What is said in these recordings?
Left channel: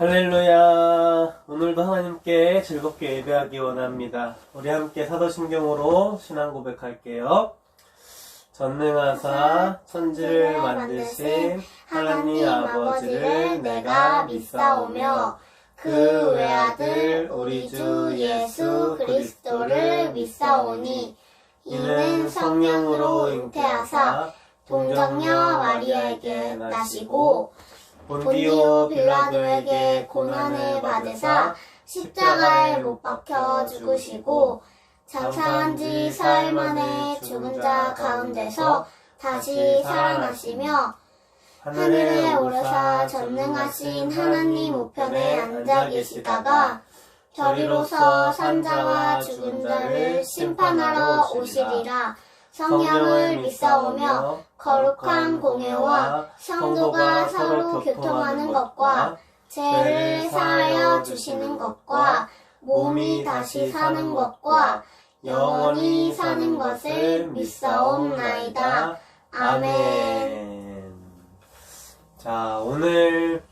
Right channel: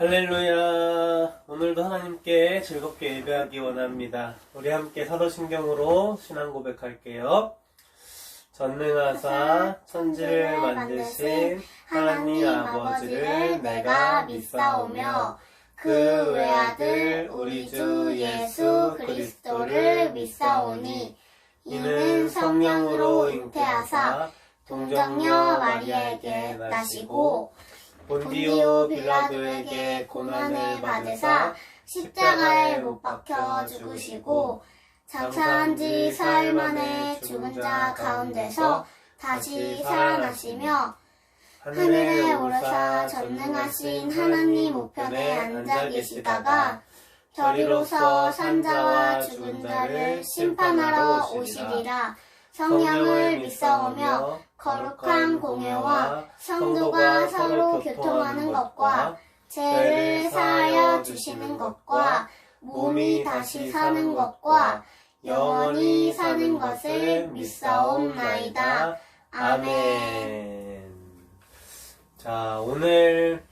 할렐루야. 오늘도 하나님께 즐겁게 예배하기 원합니다. 우리 함께 사도신경으로 신앙 고백할게요. 전능하사 천지를 만드신 하나님 아버지를 내가 믿사오며 그 외아들 우리 주 예수 그리스도를 믿사오니 이는 성령으로 잉태하사 동정녀 마리아에게 나시고 본디오 빌라도에게 고난을 받으사 십자가에 못 박혀 죽으시고 장사한 지 사흘 만에 죽은 자 가운데서 다시 살아나시며 하늘에 오르사 전능하신 하나님 우편에 앉아 계시다가 저리로서 산자와 죽은 자를 심판하러 오시리라. 성령을 믿사오며 거룩한 공회와 성도가 서로 교통하는 것과 죄를 사하여 주시는 것과 몸이 다시 사는 것과 영원히 사는 것을 믿사옵나이다. 아멘. 자, 오늘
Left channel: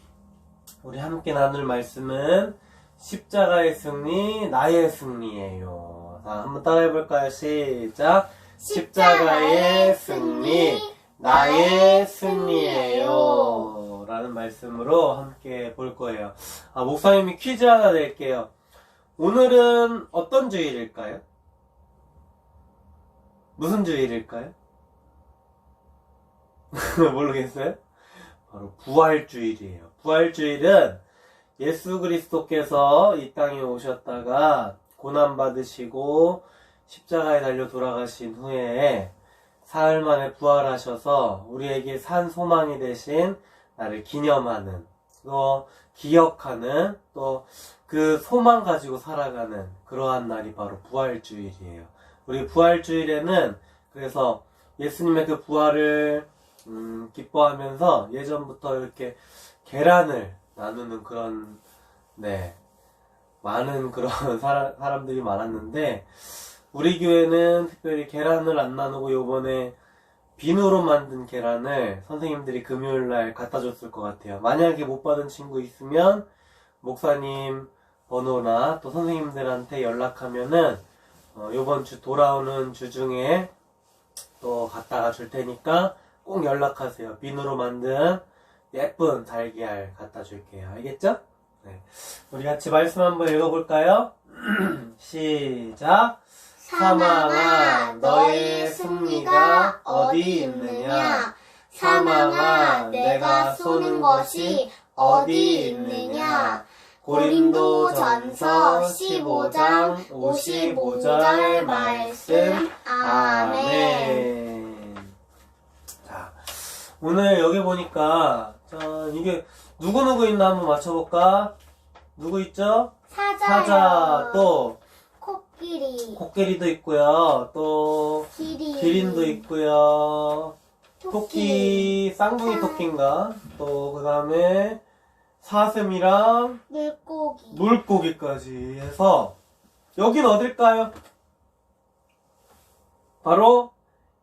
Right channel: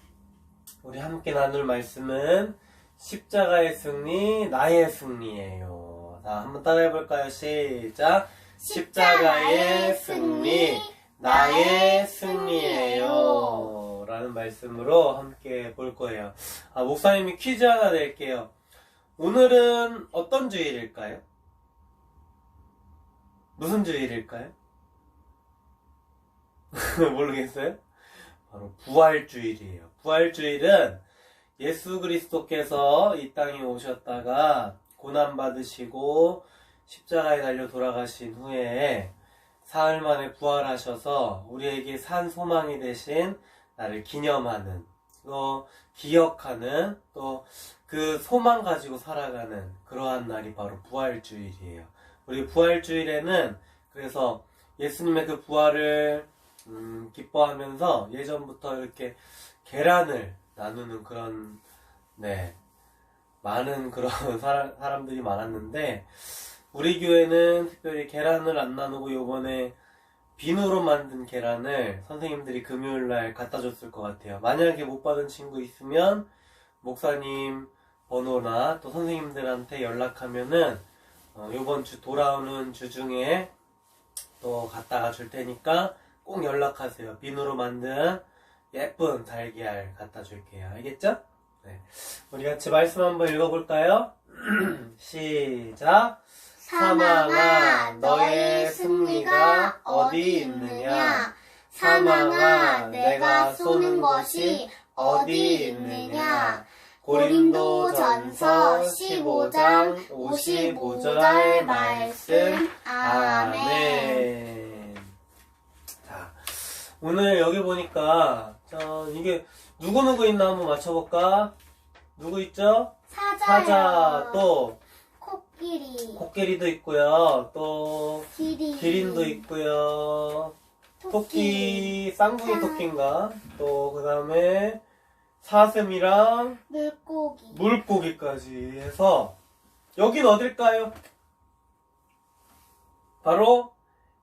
우리 함께 나눌 말씀은 십자가의 승리, 나의 승리예요. 자, 한번 따라해볼까요? 시작. 십자가의 승리, 나의 승리예요. 라는 말씀으로 함께 볼 거예요. 목사님이 퀴즈 하나 낼게요. 오늘은 어떤 주일일까요? 무슨 주일일까요? 모르겠어요? 바로 부활주일이에요. 부활주일은 예수 그리스도께서 이 땅에 오셨다가 고난받으시고 십자가에 달려 돌아가신 후에 사흘 만에 부활하셔서 우리에게 산 소망이 되신 나를 기념하는, 또 기억하는, 또 그 소망 가지고 살아가는 그러한 날이 바로 부활주일이에요. 우리 부활주일에는 그래서 예수님의 그 부활을 기뻐하면서 예전부터 이렇게 계란을 나누는 그런 많은 그런 사람들이 많았는데, 우리 교회는 특별히 계란을 안 나누고 요번에 비누로 만든 계란을 선생님들이 금요일날 갖다 줬을 것 같아요. 만약에 못 받은 친구 있으면 목사님 번호나 또 선생님들한테 연락하면은 요번 주 돌아오는 주 중에 또 갖다가 줄 테니까 꼭 연락하세요. 비누로 만든 예쁜 달걀 갖다 줄게요. 알겠죠? 네. 우리 같이 말씀 한번 읽어볼까요? 시작. 사망아, 너의 승리가 어디 있느냐? 사망아, 내가 쏘는 것이 어디 있느냐? 고린도전서 15장 55절 말씀. 아멘. 자, 오늘 여기 보니까 이게 누구 있나 한번 맞춰볼까? 누구 있죠? 사자, 또 코끼리도 있고요. 또 기린도 있고요. 토끼, 쌍둥이 토끼인가? 또 그 다음에 사슴이랑 물고기까지 해서 여긴 어딜까요? 바로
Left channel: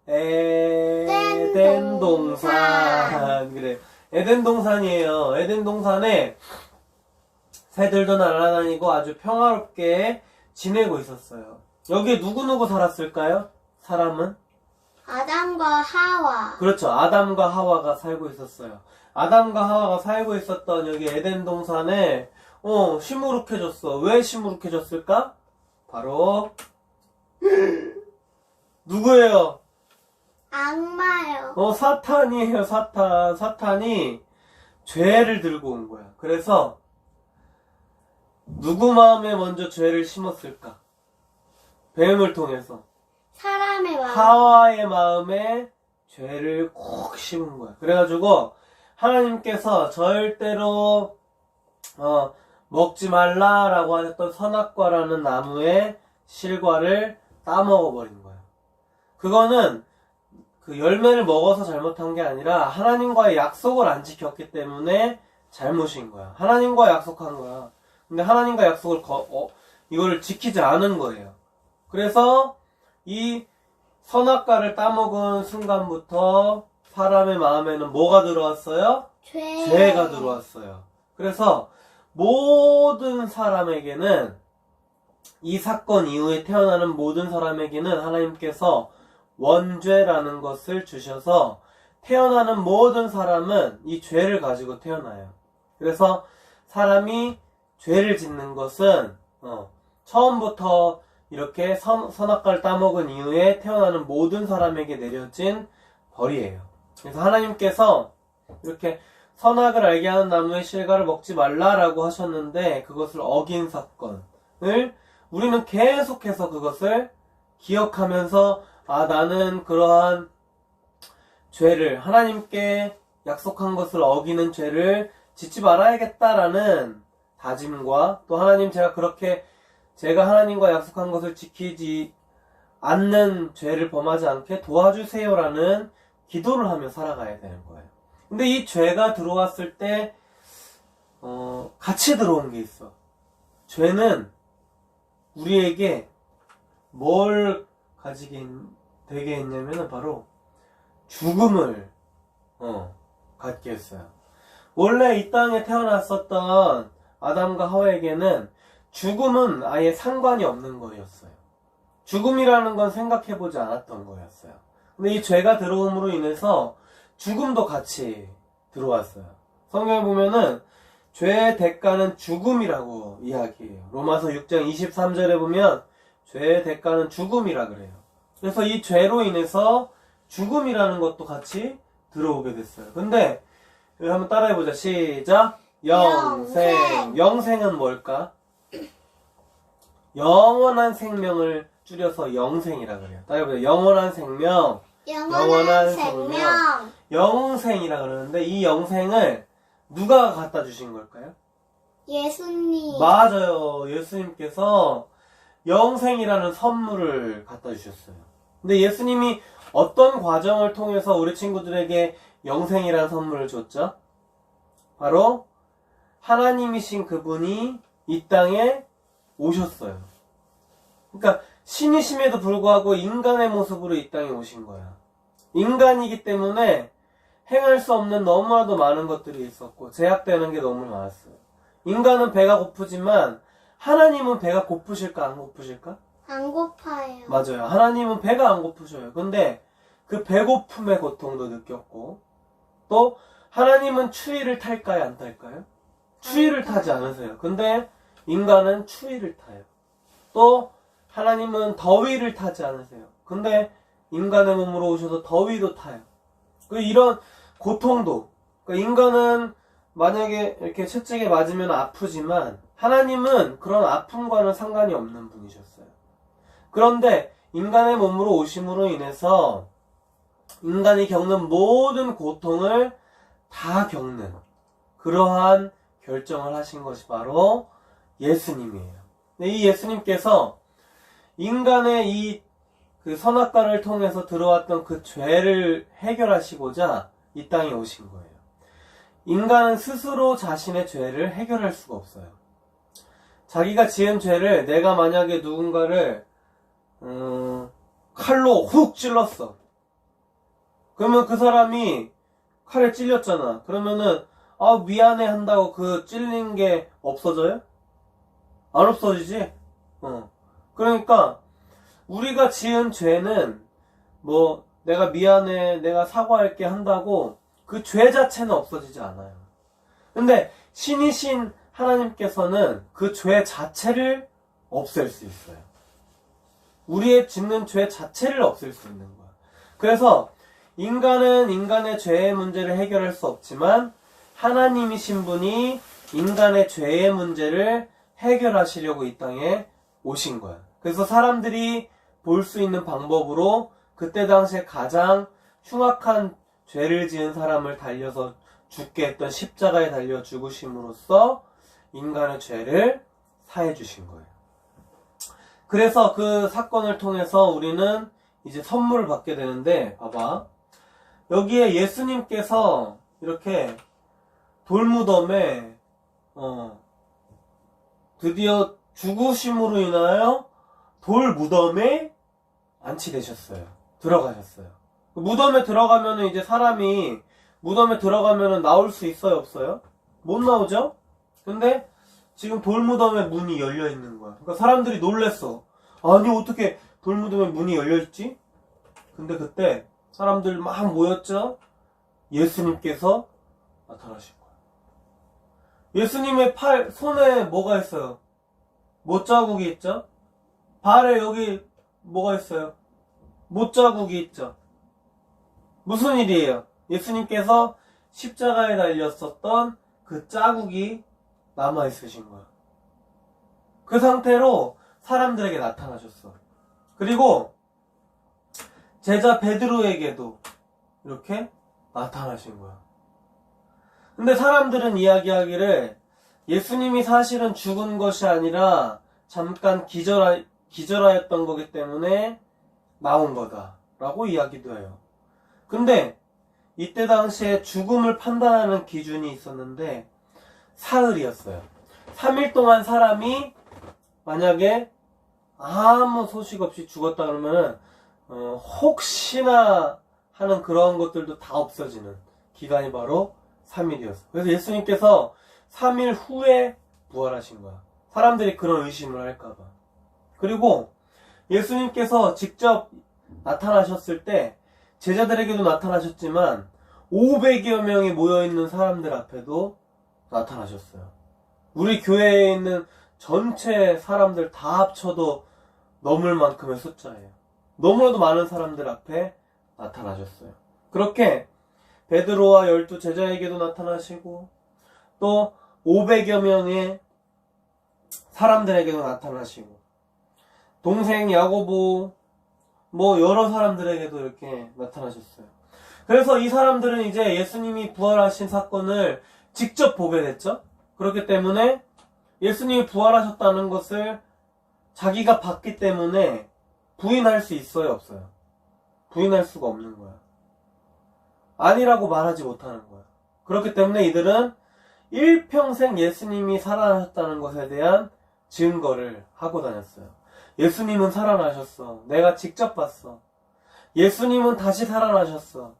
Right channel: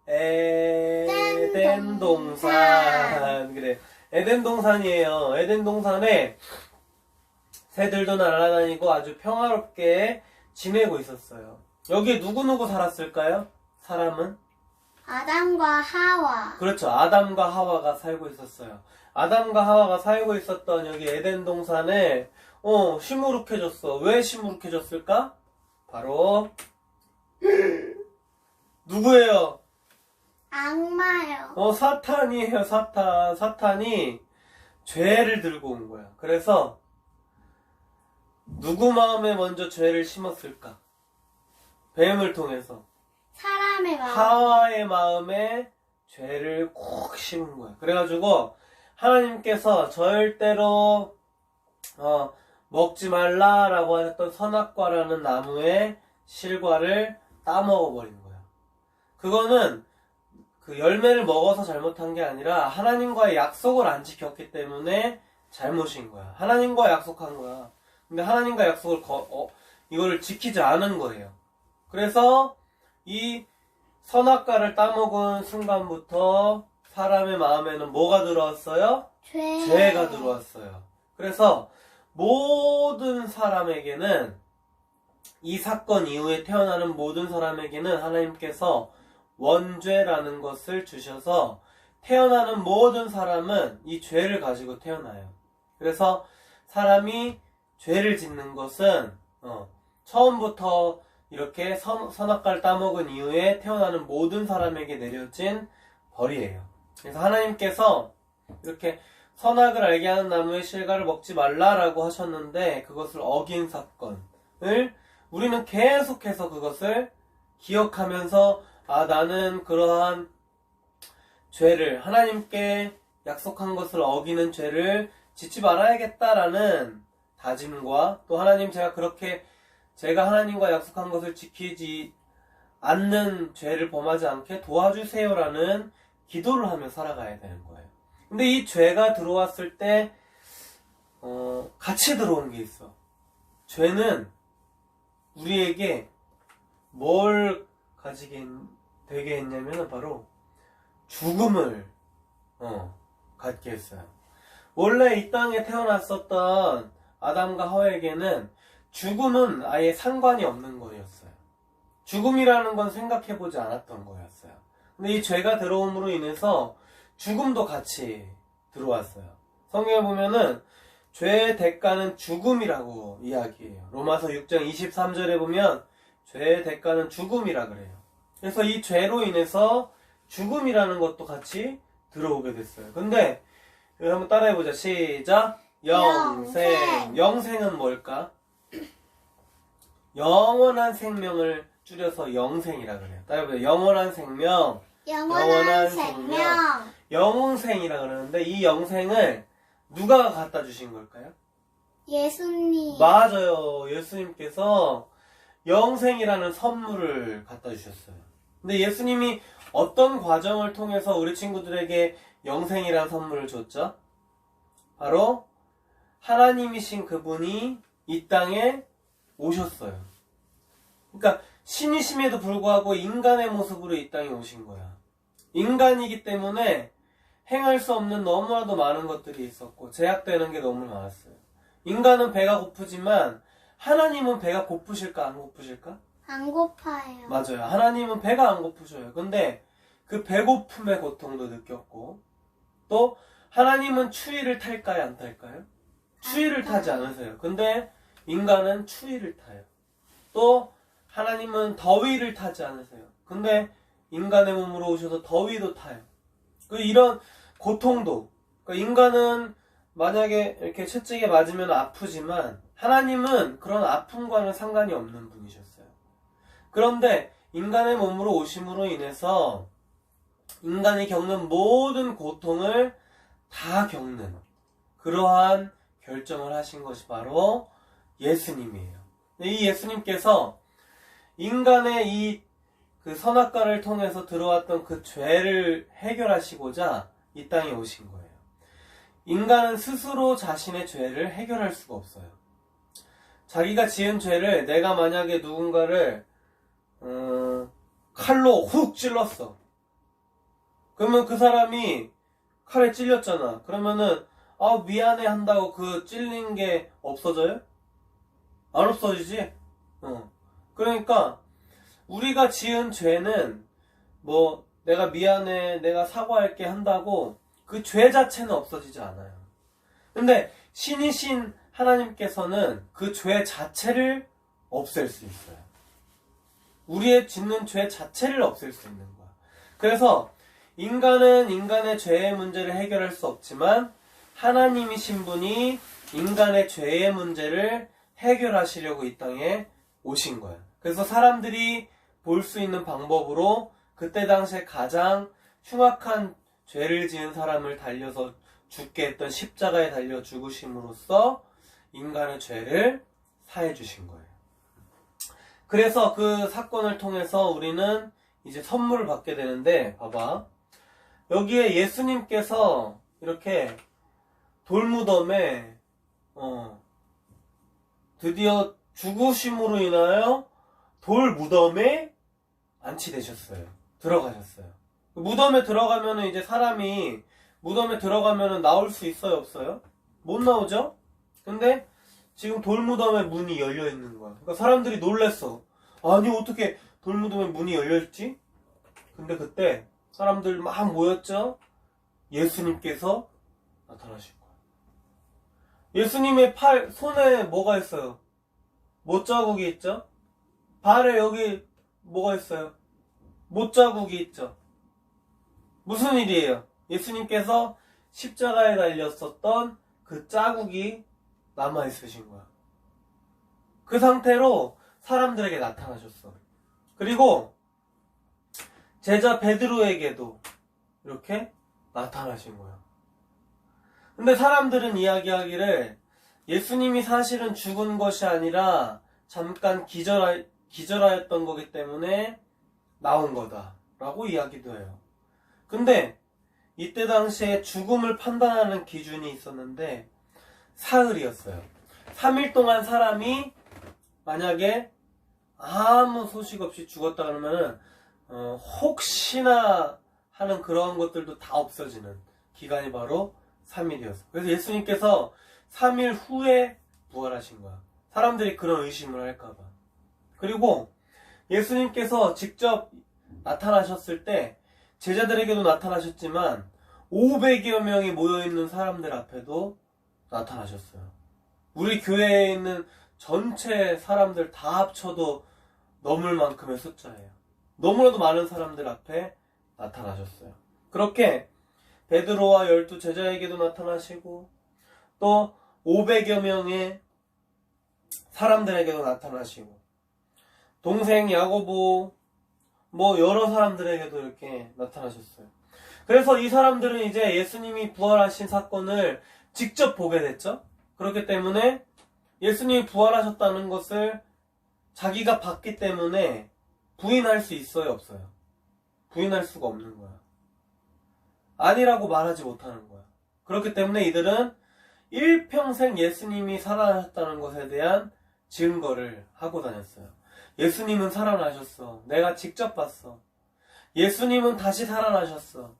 에덴 동산. 그래, 에덴 동산이에요. 에덴 동산에 새들도 날아다니고 아주 평화롭게 지내고 있었어요. 여기에 누구 살았을까요? 사람은? 아담과 하와. 그렇죠. 아담과 하와가 살고 있었어요. 아담과 하와가 살고 있었던 여기 에덴 동산에 시무룩해졌어. 왜 시무룩해졌을까? 바로 누구예요? 악마요. 사탄이에요. 사탄이 죄를 들고 온 거야. 그래서 누구 마음에 먼저 죄를 심었을까? 뱀을 통해서 사람의 마음. 하와의 마음에 죄를 콕 심은 거야. 그래가지고 하나님께서 절대로 먹지 말라라고 했던 선악과라는 나무의 실과를 따먹어버린 거야. 그거는 그 열매를 먹어서 잘못한 게 아니라 하나님과의 약속을 안 지켰기 때문에 잘못인 거야. 하나님과 약속한 거야. 근데 하나님과 약속을 이거를 지키지 않은 거예요. 그래서 이 선악과를 따먹은 순간부터 사람의 마음에는 뭐가 들어왔어요? 죄가 들어왔어요. 그래서 모든 사람에게는, 이 사건 이후에 태어나는 모든 사람에게는 하나님께서 원죄라는 것을 주셔서 태어나는 모든 사람은 이 죄를 가지고 태어나요. 그래서 사람이 죄를 짓는 것은 처음부터 이렇게 선악과를 따먹은 이후에 태어나는 모든 사람에게 내려진 벌이에요. 그래서 하나님께서 이렇게 선악을 알게 하는 나무의 실과를 먹지 말라라고 하셨는데 그것을 어긴 사건을 우리는 계속해서 그것을 기억하면서 나는 그러한 죄를, 하나님께 약속한 것을 어기는 죄를 짓지 말아야겠다라는 다짐과 또 하나님 제가 하나님과 약속한 것을 지키지 않는 죄를 범하지 않게 도와주세요라는 기도를 하며 살아가야 되는 거예요. 근데 이 죄가 들어왔을 때 같이 들어온 게 있어. 죄는 우리에게 뭘 되게 했냐면 바로 죽음을 갖게 했어요. 원래 이 땅에 태어났었던 아담과 하와에게는 죽음은 아예 상관이 없는 거였어요. 죽음이라는 건 생각해보지 않았던 거였어요. 근데 이 죄가 들어옴으로 인해서 죽음도 같이 들어왔어요. 성경에 보면은 죄의 대가는 죽음이라고 이야기해요. 로마서 6장 23절에 보면 죄의 대가는 죽음이라 그래요. 그래서 이 죄로 인해서 죽음이라는 것도 같이 들어오게 됐어요. 근데 여기 한번 따라해보자. 시작. 영생. 영생은 뭘까? 영원한 생명을 줄여서 영생이라 그래요. 따라해보자. 영원한 생명. 영원한 생명. 영생이라 그러는데 이 영생을 누가 갖다 주신 걸까요? 예수님. 맞아요. 예수님께서 영생이라는 선물을 갖다 주셨어요. 근데 예수님이 어떤 과정을 통해서 우리 친구들에게 영생이라는 선물을 줬죠? 바로 하나님이신 그분이 이 땅에 오셨어요. 그러니까 신이심에도 불구하고 인간의 모습으로 이 땅에 오신 거야. 인간이기 때문에 행할 수 없는 너무나도 많은 것들이 있었고 제약되는 게 너무 많았어요. 인간은 배가 고프지만 하나님은 배가 고프실까 안 고프실까? 안 고파요. 맞아요. 하나님은 배가 안 고프셔요. 근데 그 배고픔의 고통도 느꼈고 또 하나님은 추위를 탈까요 안 탈까요? 추위를 타지 않으세요. 근데 인간은 추위를 타요. 또 하나님은 더위를 타지 않으세요. 근데 인간의 몸으로 오셔서 더위도 타요. 이런 고통도, 인간은 만약에 이렇게 채찍에 맞으면 아프지만 하나님은 그런 아픔과는 상관이 없는 분이셨어요. 그런데 인간의 몸으로 오심으로 인해서 인간이 겪는 모든 고통을 다 겪는 그러한 결정을 하신 것이 바로 예수님이에요. 이 예수님께서 인간의 이 선악과를 통해서 들어왔던 그 죄를 해결하시고자 이 땅에 오신 거예요. 인간은 스스로 자신의 죄를 해결할 수가 없어요. 자기가 지은 죄를 내가 만약에 누군가를 칼로 훅 찔렀어. 그러면 그 사람이 칼에 찔렸잖아. 그러면은 미안해 한다고 그 찔린 게 없어져요? 안 없어지지? 그러니까 우리가 지은 죄는 내가 미안해, 내가 사과할게 한다고 그 죄 자체는 없어지지 않아요. 근데 신이신 하나님께서는 그 죄 자체를 없앨 수 있어요. 우리의 짓는 죄 자체를 없앨 수 있는 거야. 그래서 인간은 인간의 죄의 문제를 해결할 수 없지만 하나님이신 분이 인간의 죄의 문제를 해결하시려고 이 땅에 오신 거야. 그래서 사람들이 볼 수 있는 방법으로 그때 당시에 가장 흉악한 죄를 지은 사람을 달려서 죽게 했던 십자가에 달려 죽으심으로써 인간의 죄를 사해 주신 거예요. 그래서 그 사건을 통해서 우리는 이제 선물을 받게 되는데, 봐봐. 여기에 예수님께서 이렇게 돌무덤에 드디어 죽으심으로 인하여 돌무덤에 안치되셨어요. 들어가셨어요. 무덤에 들어가면은 이제 사람이 무덤에 들어가면은 나올 수 있어요, 없어요? 못 나오죠? 근데 지금 돌무덤의 문이 열려 있는 거야. 그러니까 사람들이 놀랬어. 아니 어떻게 돌무덤의 문이 열렸지? 근데 그때 사람들 막 모였죠? 예수님께서 나타나신 거야. 예수님의 손에 뭐가 있어요? 못자국이 있죠? 발에 여기 뭐가 있어요? 못자국이 있죠? 무슨 일이에요? 예수님께서 십자가에 달렸었던 그 자국이 남아있으신 거야. 그 상태로 사람들에게 나타나셨어. 그리고 제자 베드로에게도 이렇게 나타나신 거야. 근데 사람들은 이야기하기를 예수님이 사실은 죽은 것이 아니라 잠깐 기절하였던 거기 때문에 나온 거다 라고 이야기도 해요. 근데 이때 당시에 죽음을 판단하는 기준이 있었는데 사흘이었어요. 3일 동안 사람이 만약에 아무 소식 없이 죽었다 그러면은 혹시나 하는 그런 것들도 다 없어지는 기간이 바로 3일이었어요. 그래서 예수님께서 3일 후에 부활하신 거야. 사람들이 그런 의심을 할까봐. 그리고 예수님께서 직접 나타나셨을 때 제자들에게도 나타나셨지만 500여 명이 모여있는 사람들 앞에도 나타나셨어요. 우리 교회에 있는 전체 사람들 다 합쳐도 넘을 만큼의 숫자예요. 너무나도 많은 사람들 앞에 나타나셨어요. 그렇게 베드로와 12 제자에게도 나타나시고 또 500여 명의 사람들에게도 나타나시고 동생 야고보 뭐 여러 사람들에게도 이렇게 나타나셨어요. 그래서 이 사람들은 이제 예수님이 부활하신 사건을 직접 보게 됐죠. 그렇기 때문에 예수님이 부활하셨다는 것을 자기가 봤기 때문에 부인할 수 있어요, 없어요? 부인할 수가 없는 거야. 아니라고 말하지 못하는 거야. 그렇기 때문에 이들은 일평생 예수님이 살아나셨다는 것에 대한 증거를 하고 다녔어요. 예수님은 살아나셨어. 내가 직접 봤어. 예수님은 다시 살아나셨어.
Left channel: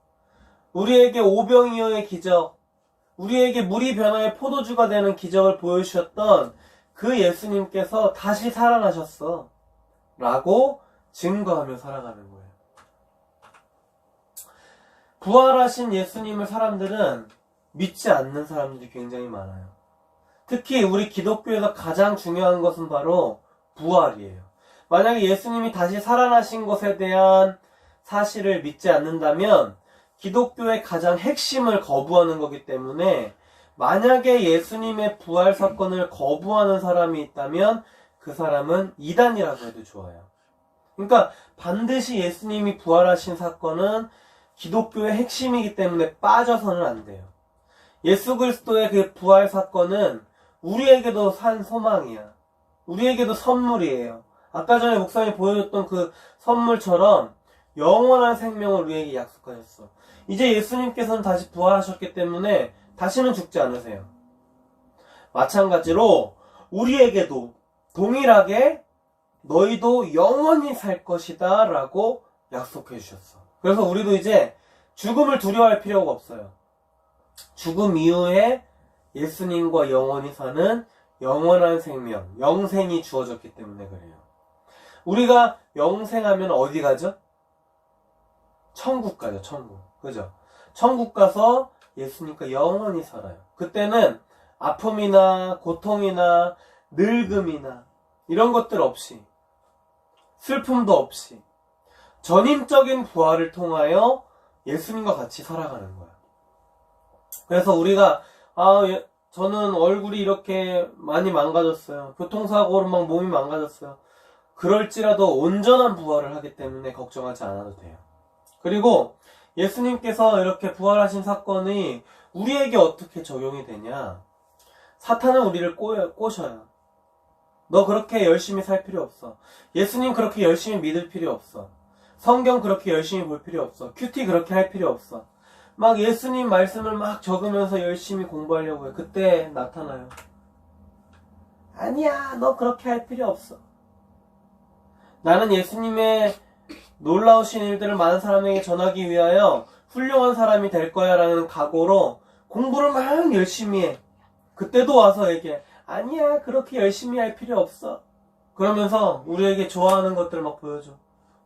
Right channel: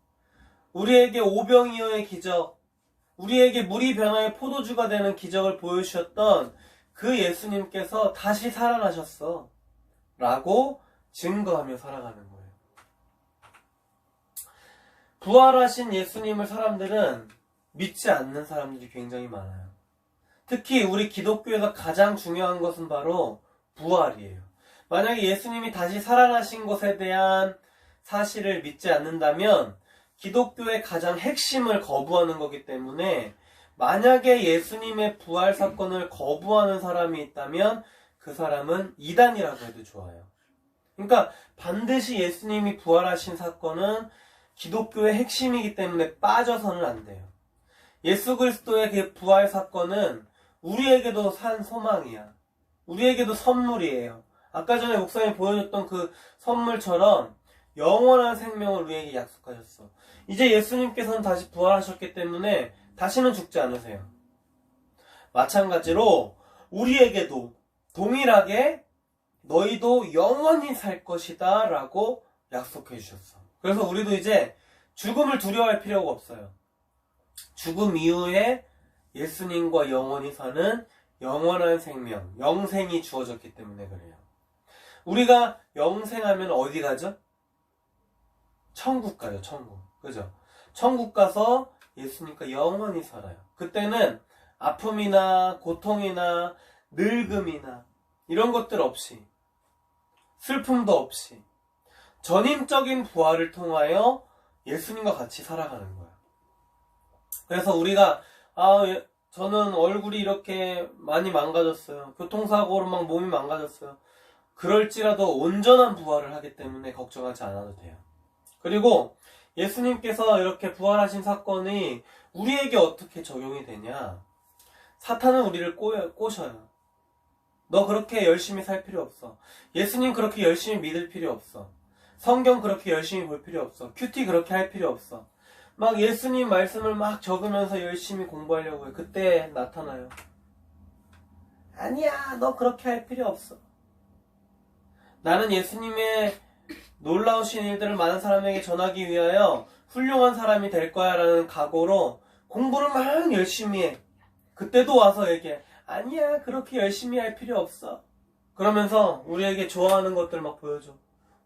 우리에게 오병이어의 기적, 우리에게 물이 변화의 포도주가 되는 기적을 보여주셨던 그 예수님께서 다시 살아나셨어. 라고 증거하며 살아가는 거예요. 부활하신 예수님을 사람들은 믿지 않는 사람들이 굉장히 많아요. 특히 우리 기독교에서 가장 중요한 것은 바로 부활이에요. 만약에 예수님이 다시 살아나신 것에 대한 사실을 믿지 않는다면 기독교의 가장 핵심을 거부하는 거기 때문에 만약에 예수님의 부활 사건을 거부하는 사람이 있다면 그 사람은 이단이라고 해도 좋아요. 그러니까 반드시 예수님이 부활하신 사건은 기독교의 핵심이기 때문에 빠져서는 안 돼요. 예수 그리스도의 그 부활 사건은 우리에게도 산 소망이야. 우리에게도 선물이에요. 아까 전에 목사님이 보여줬던 그 선물처럼 영원한 생명을 우리에게 약속하셨어. 이제 예수님께서는 다시 부활하셨기 때문에 다시는 죽지 않으세요. 마찬가지로 우리에게도 동일하게 너희도 영원히 살 것이다 라고 약속해 주셨어. 그래서 우리도 이제 죽음을 두려워할 필요가 없어요. 죽음 이후에 예수님과 영원히 사는 영원한 생명, 영생이 주어졌기 때문에 그래요. 우리가 영생하면 어디 가죠? 천국 가죠, 천국. 그죠? 천국 가서 예수님과 영원히 살아요. 그때는 아픔이나 고통이나 늙음이나 이런 것들 없이, 슬픔도 없이 전인적인 부활을 통하여 예수님과 같이 살아가는 거야. 그래서 우리가 저는 얼굴이 이렇게 많이 망가졌어요. 교통사고로 막 몸이 망가졌어요. 그럴지라도 온전한 부활을 하기 때문에 걱정하지 않아도 돼요. 그리고 예수님께서 이렇게 부활하신 사건이 우리에게 어떻게 적용이 되냐? 사탄은 우리를 꼬셔요. 너 그렇게 열심히 살 필요 없어. 예수님 그렇게 열심히 믿을 필요 없어. 성경 그렇게 열심히 볼 필요 없어. 큐티 그렇게 할 필요 없어. 막 예수님 말씀을 막 적으면서 열심히 공부하려고 해. 그때 나타나요. 아니야, 너 그렇게 할 필요 없어. 나는 예수님의 놀라우신 일들을 많은 사람에게 전하기 위하여 훌륭한 사람이 될 거야 라는 각오로 공부를 막 열심히 해. 그때도 와서 얘기해. 아니야, 그렇게 열심히 할 필요 없어. 그러면서 우리에게 좋아하는 것들 막 보여줘.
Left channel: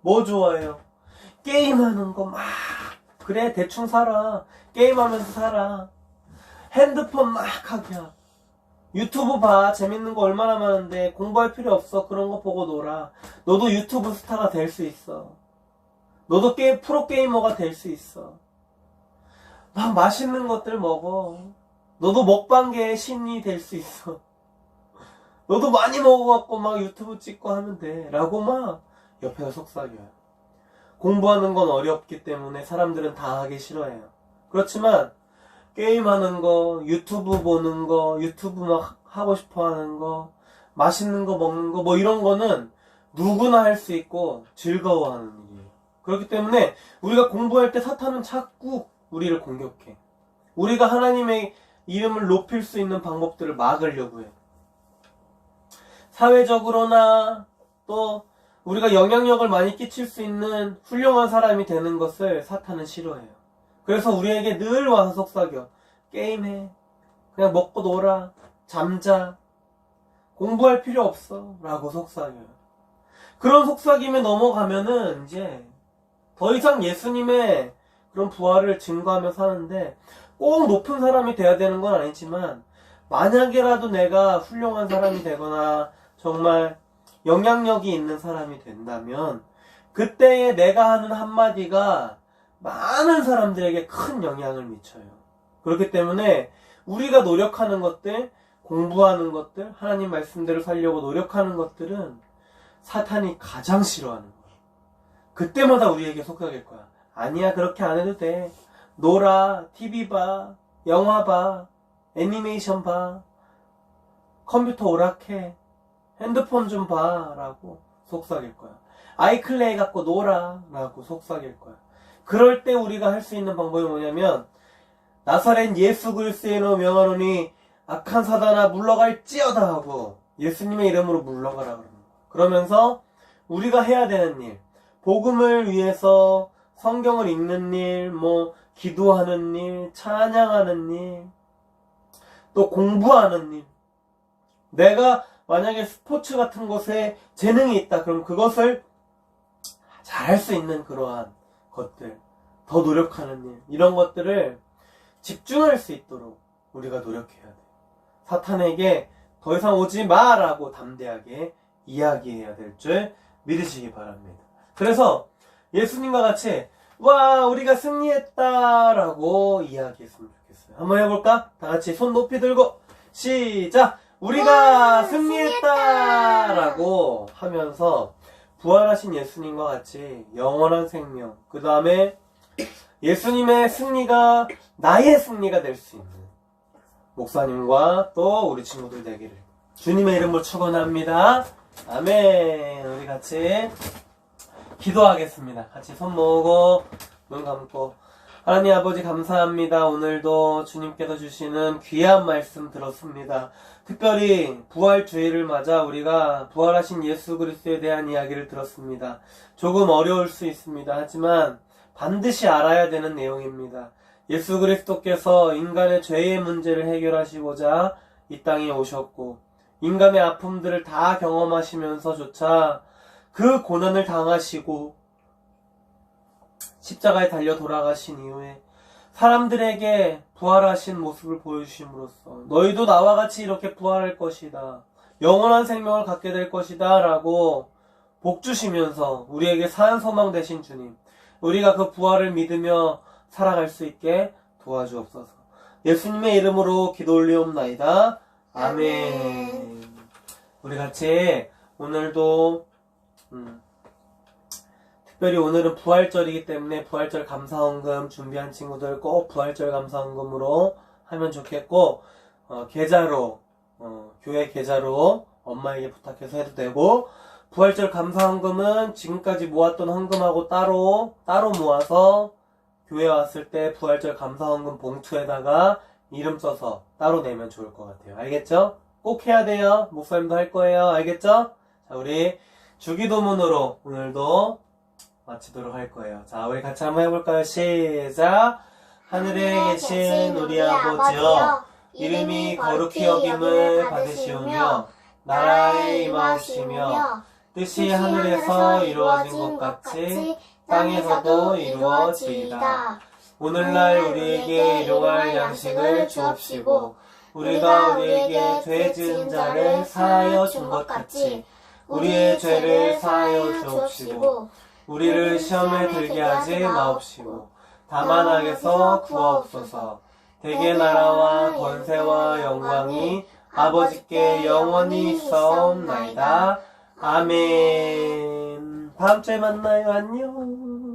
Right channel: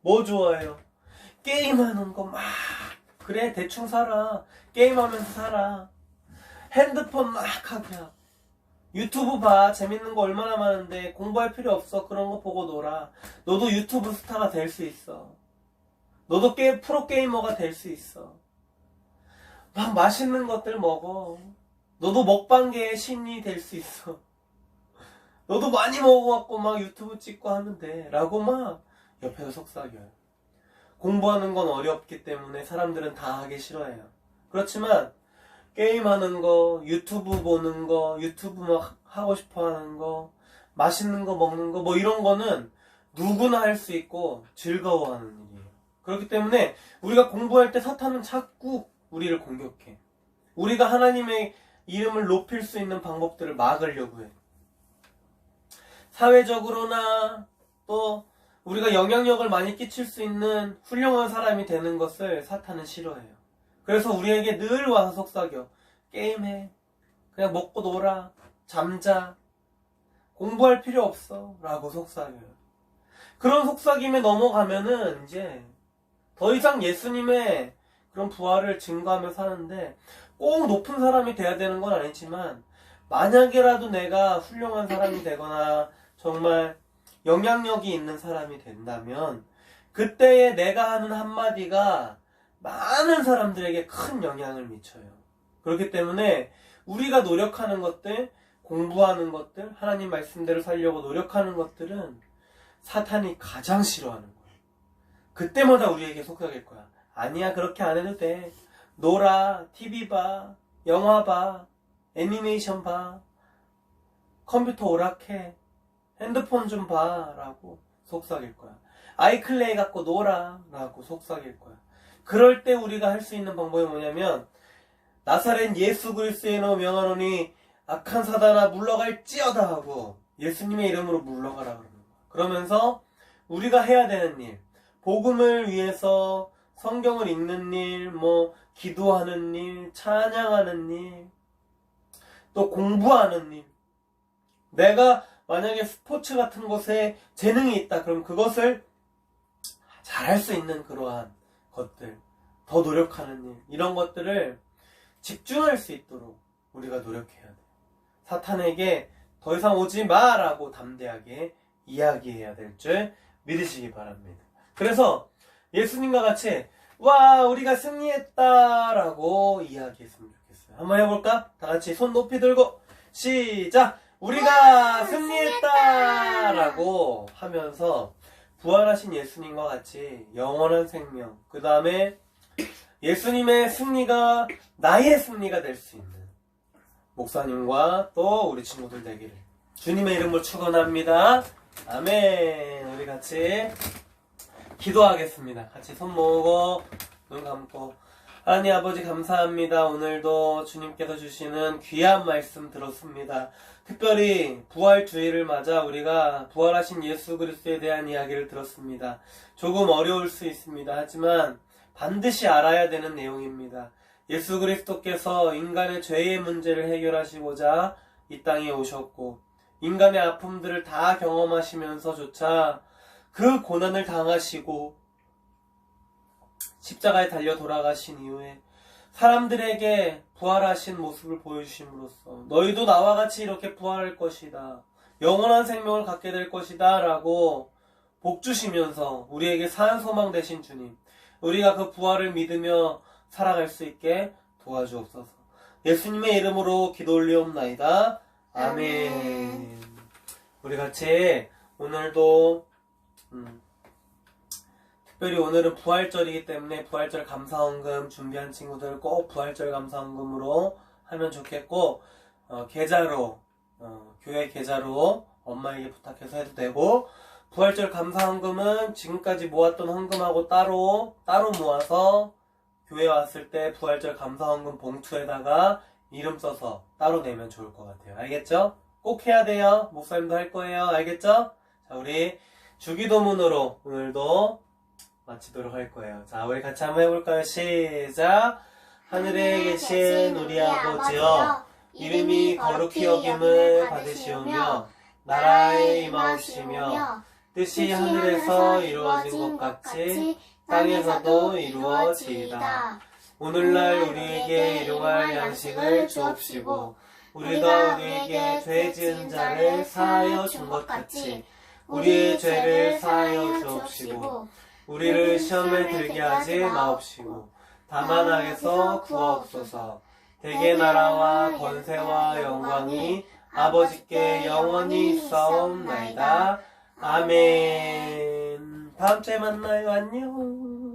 뭐 좋아해요? 게임하는 거 막. 그래, 대충 살아. 게임하면서 살아. 핸드폰 막 하기야. 유튜브 봐. 재밌는 거 얼마나 많은데 공부할 필요 없어. 그런 거 보고 놀아. 너도 유튜브 스타가 될 수 있어. 너도 프로게이머가 될 수 있어. 막 맛있는 것들 먹어. 너도 먹방계의 신이 될 수 있어. 너도 많이 먹어갖고 막 유튜브 찍고 하면 돼. 라고 막 옆에서 속삭여요. 공부하는 건 어렵기 때문에 사람들은 다 하기 싫어해요. 그렇지만 게임하는 거, 유튜브 보는 거, 유튜브 막 하고 싶어 하는 거, 맛있는 거 먹는 거, 뭐 이런 거는 누구나 할 수 있고 즐거워하는 일이에요. 그렇기 때문에 우리가 공부할 때 사탄은 자꾸 우리를 공격해. 우리가 하나님의 이름을 높일 수 있는 방법들을 막으려고 해. 사회적으로나 또 우리가 영향력을 많이 끼칠 수 있는 훌륭한 사람이 되는 것을 사탄은 싫어해요. 그래서 우리에게 늘 와서 속삭여. 게임해. 그냥 먹고 놀아. 잠자. 공부할 필요 없어. 라고 속삭여요. 그런 속삭임에 넘어가면은 이제 더 이상 예수님의 그런 부활을 증거하며 사는데 꼭 높은 사람이 돼야 되는 건 아니지만 만약에라도 내가 훌륭한 사람이 되거나 정말 영향력이 있는 사람이 된다면 그때에 내가 하는 한마디가 많은 사람들에게 큰 영향을 미쳐요. 그렇기 때문에 우리가 노력하는 것들, 공부하는 것들, 하나님 말씀대로 살려고 노력하는 것들은 사탄이 가장 싫어하는 거예요. 그때마다 우리에게 속삭일 거야. 아니야, 그렇게 안 해도 돼. 놀아, TV 봐, 영화 봐, 애니메이션 봐, 컴퓨터 오락해, 핸드폰 좀 봐 라고 속삭일 거야. 아이클레이 갖고 놀아 라고 속삭일 거야. 그럴 때 우리가 할 수 있는 방법이 뭐냐면 나사렛 예수 그리스도의 이름으로 명하노니 악한 사단아 물러갈지어다 하고 예수님의 이름으로 물러가라 그러는 거야. 그러면서 우리가 해야 되는 일, 복음을 위해서 성경을 읽는 일, 뭐 기도하는 일, 찬양하는 일, 또 공부하는 일. 내가 만약에 스포츠 같은 것에 재능이 있다. 그럼 그것을 잘할 수 있는 그러한 것들, 더 노력하는 일, 이런 것들을 집중할 수 있도록 우리가 노력해야 돼. 사탄에게 더 이상 오지 마라고 담대하게 이야기해야 될 줄 믿으시기 바랍니다. 그래서 예수님과 같이 와 우리가 승리했다라고 이야기했으면 좋겠어요. 한번 해볼까? 다 같이 손 높이 들고 시작! 우리가 승리했다라고 하면서 부활하신 예수님과 같이 영원한 생명, 그 다음에 예수님의 승리가 나의 승리가 될 수 있는 목사님과 또 우리 친구들 되기를 주님의 이름으로 축원합니다. 아멘. 우리 같이 기도하겠습니다. 같이 손 모으고 눈 감고. 하나님 아버지 감사합니다. 오늘도 주님께서 주시는 귀한 말씀 들었습니다. 특별히 부활주의를 맞아 우리가 부활하신 예수 그리스도에 대한 이야기를 들었습니다. 조금 어려울 수 있습니다. 하지만 반드시 알아야 되는 내용입니다. 예수 그리스도께서 인간의 죄의 문제를 해결하시고자 이 땅에 오셨고 인간의 아픔들을 다 경험하시면서조차 그 고난을 당하시고 십자가에 달려 돌아가신 이후에 사람들에게 부활하신 모습을 보여주심으로써 너희도 나와 같이 이렇게 부활할 것이다. 영원한 생명을 갖게 될 것이다. 라고 복 주시면서 우리에게 산 소망 되신 주님, 우리가 그 부활을 믿으며 살아갈 수 있게 도와주옵소서. 예수님의 이름으로 기도 올리옵나이다. 아멘. 우리 같이 오늘도 특별히 오늘은 부활절이기 때문에 부활절 감사헌금 준비한 친구들 꼭 부활절 감사헌금으로 하면 좋겠고 계좌로 교회 계좌로 엄마에게 부탁해서 해도 되고 부활절 감사헌금은 지금까지 모았던 헌금하고 따로 모아서 교회 왔을 때 부활절 감사헌금 봉투에다가 이름 써서 따로 내면 좋을 것 같아요. 알겠죠? 꼭 해야 돼요. 목사님도 할 거예요. 알겠죠? 자, 우리 주기도문으로 오늘도 마치도록 할 거예요. 자, 우리 같이 한번 해볼까요? 시작! 하늘에 계신 우리 아버지여, 이름이 거룩히 여김을 받으시오며 나라에 임하옵시며 뜻이 하늘에서 이루어진 것 같이 땅에서도 이루어지이다. 오늘날 우리에게 일용할 양식을 주옵시고 우리가 우리에게 죄 지은 자를 사하여 준 것 같이 우리의 죄를 사하여 주옵시고 우리를 시험에 들게 하지 마옵시고 다만 악에서 구하옵소서. 대개 나라와 권세와 영광이 아버지께 영원히 있사옵나이다. 아멘. 다음 주에 만나요. 안녕.